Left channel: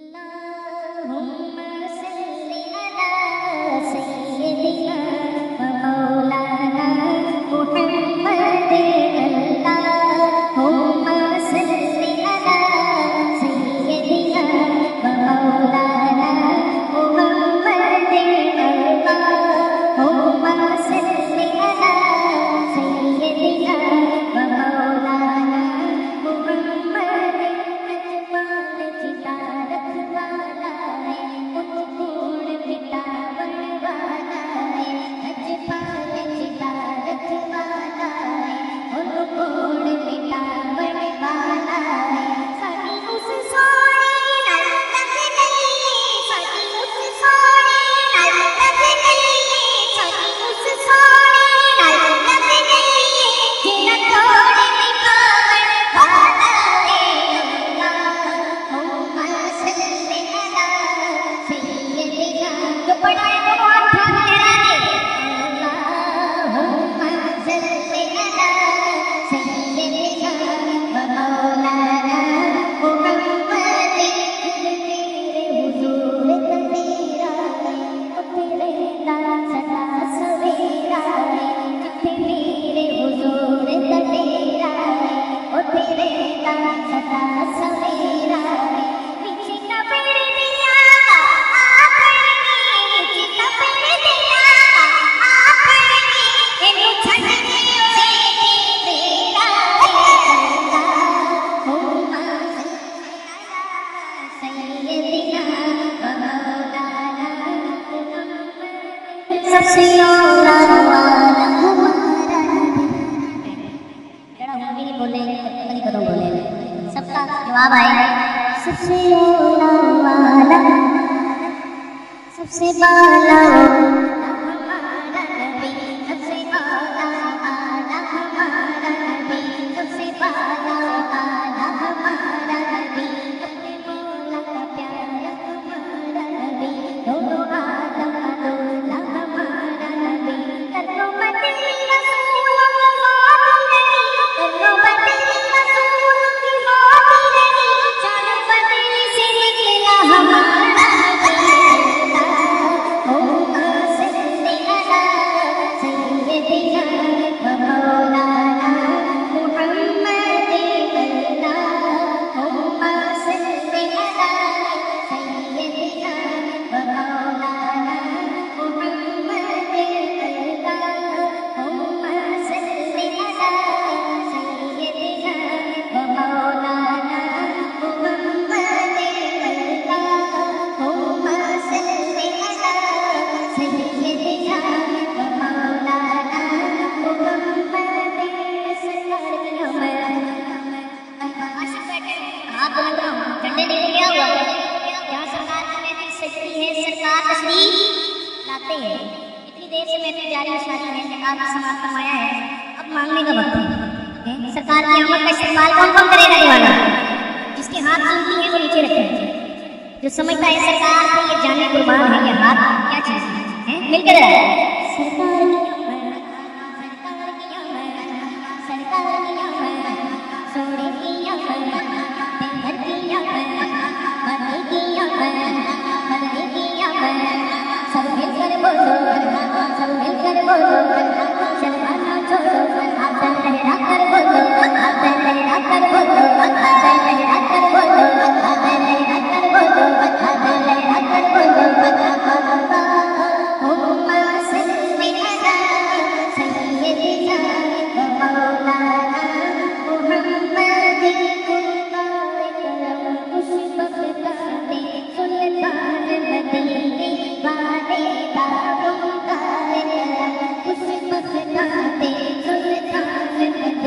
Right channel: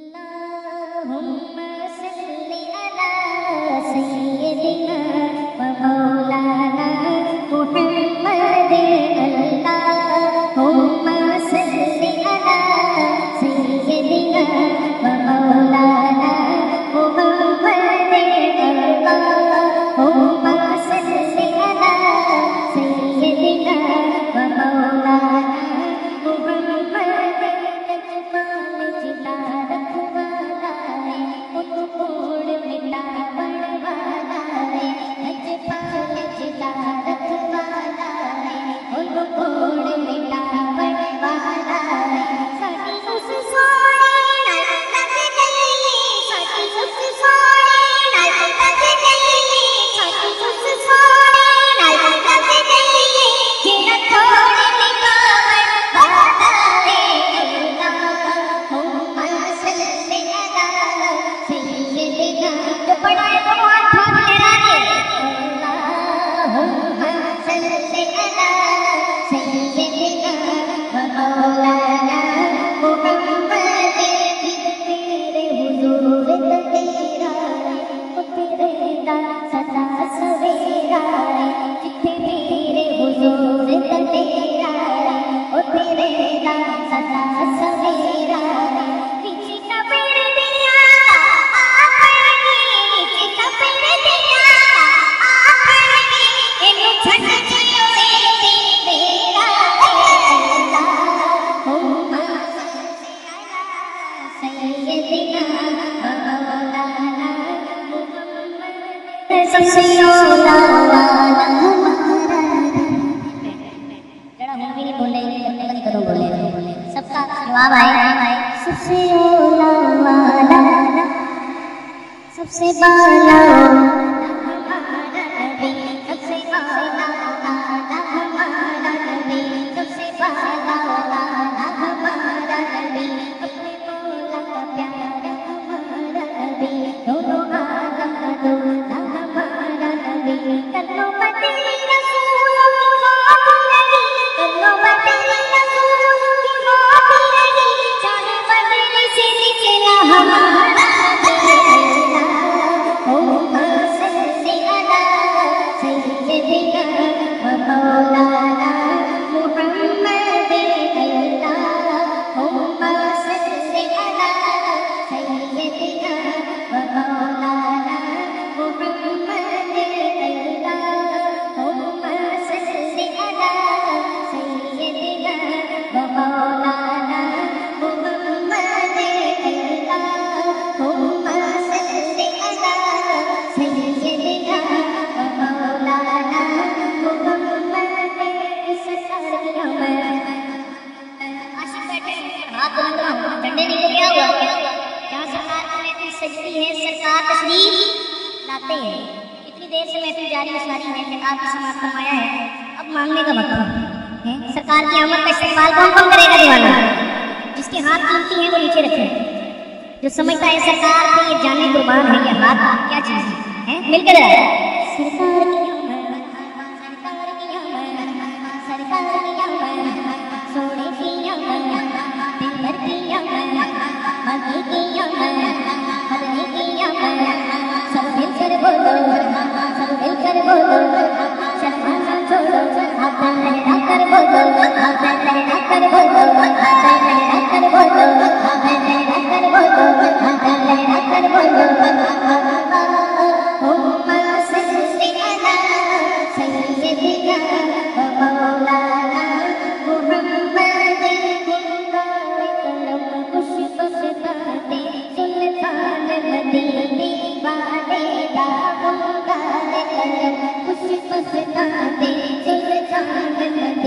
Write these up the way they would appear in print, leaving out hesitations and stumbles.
Humma Sallay ala Sayyidina wa Maulana Muhammadin. Allahumma Sallay ala Sayyidina wa Maulana Muhammadin. Allahumma Sallay ala Sayyidina wa Maulana Muhammadin. Najmal jita रखवाला है, उनको कोड़ मिटावण वाला है। नजपाल जिता रखवाला है, उनको कोड़ मिटावण वाला है। साडी उस सोने नाल लग गई, साडी उस सोने नाल लग गई, साडी उस सोने नाल लग गई, जिन्ना कोड़ मिटावण वाला है। जो पढ़ा है दोनों हाथ हाथ लहरा के अल्लाहुम्मा सल्ली अला सय्यदिना व मौलाना मुहम्मदिन। जिधर तेरे हुजूर तड़ेरा है, तेरे दा सदा सवेरा है। जिथे मेरे हुजूर तड़ेरा है, तेरे दा सदा सवेरा है। पीछे का पेड़ दिया सबसे औला वाला हमारा जरा हम भी नहीं बोले, पता नहीं कदों बोले। सबका जवाब आए। सबसे औला वाला, सबसे बाला हमारा नबी, सबसे औला वाला हमारा नबी, सबसे बाला वाला हमारा नबी। अपने मौला का प्यारा हमारा नबी, दोनों आलम का दूल्हा हमारा नबी। करनो बदली रसूलों की होती रही, करनो बदली रसूलों की होती रही, चाहे बदली से निकला हमारा नबी। हुम्मा सल्ली अला सय्यदिना व मौलाना मुहम्मदिन। हुम्मा सल्ली अला सय्यदिना व मौलाना मुहम्मदिन। हुम्मा सल्ली अला सय्यदिना व मौलाना मुहम्मदिन। हुम्मा सल्ली अला सय्यदिना व मौलाना मुहम्मदिन। सरकार की मैं आशिक बैठे हाथ बुलंद रहा हूँ, झंडे नहीं तो क्या हुआ। जहाँ सरकार की महफिल सजती है, सरकार तशरीफ लाते हैं। इतनी देर से महफिल जारी सारी है, सरकार की समाप्त फरमाया है, अब मांगने का वक्त है। सरकार की आमद का इस्तेमाल कौन कौन करेगा दीवाना? जिसके हाथ कीमती हैं वो नीचे रखे, जो समझता है सरकार पे ये जाने कुर्बान है, ये हाथ क्या चीज है? मिलकर सरकार की आमद, सरकार की आमद, सरकार की आमद, सोने की आमद, दिलबर की आमद, मदनी की आमद, मदनी की आमद। सब मिलकर बोलो, सब मिलकर बोलो, शर्माना छोड़ो, हाथ लहरा कर बोलो, हाथ लहरा कर बोलो, हाथ लहरा कर बोलो, हाथ लहरा कर बोलो, हाथ लहरा कर बोलो। हुम्मा सल्ली अला सय्यदिना व मौलाना मुहम्मदिन। करम खुश बख्ताते सुल्तान मदीने वाले दा करम खुश बख्ताते सुल्तान मदीने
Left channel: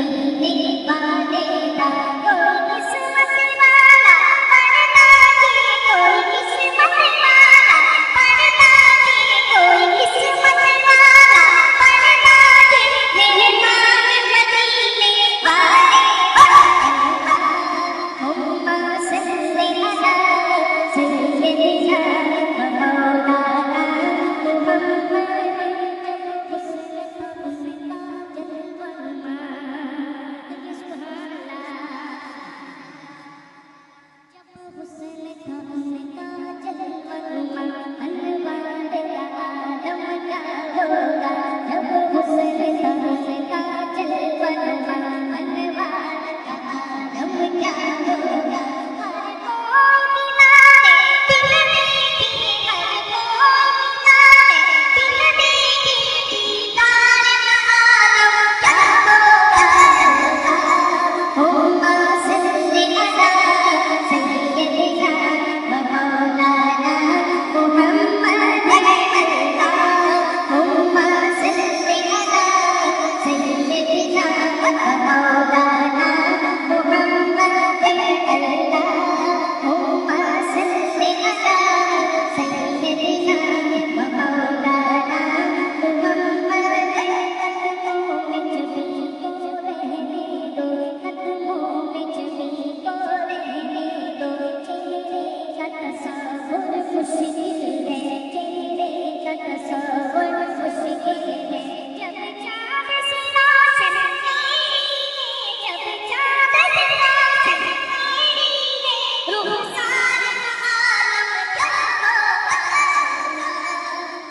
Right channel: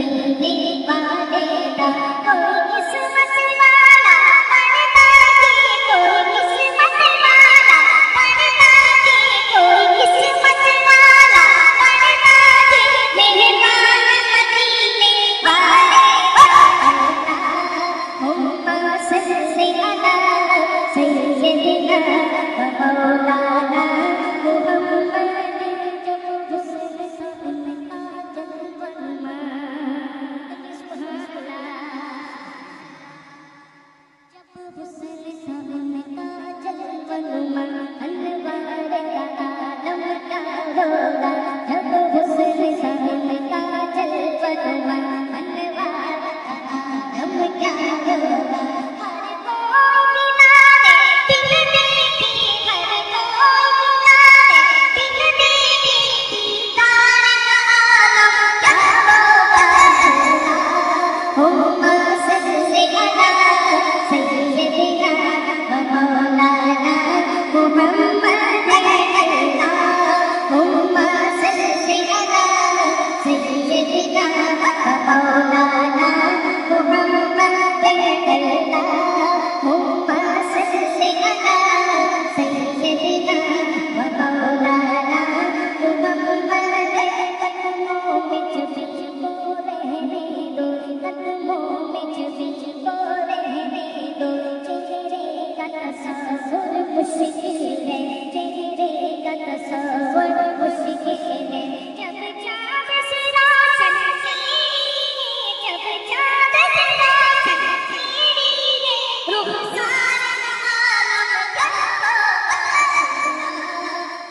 مشکل ہے چہرے کا تصور مشکل ہے جب چاند سے روشن تیری ہے جب چاند سے روشن تیری ہے رخسار کا عالم کیا ہوگا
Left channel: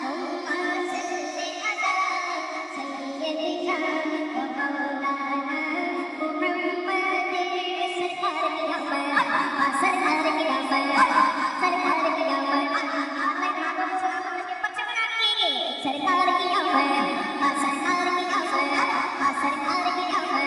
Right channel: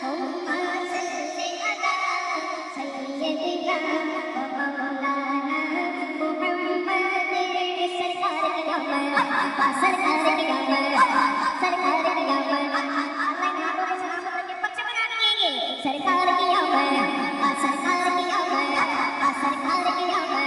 ہما صلی علی سیدنا و مولانا محمد سرکار کی آمد سرکار کی آمد سرکار کی آمد آن لائن ہاتھوں میں سلامت رکھ کے پرچہ بنا دیجیے گے سرکار کی آمد سرکار کی آمد سرکار کی آمد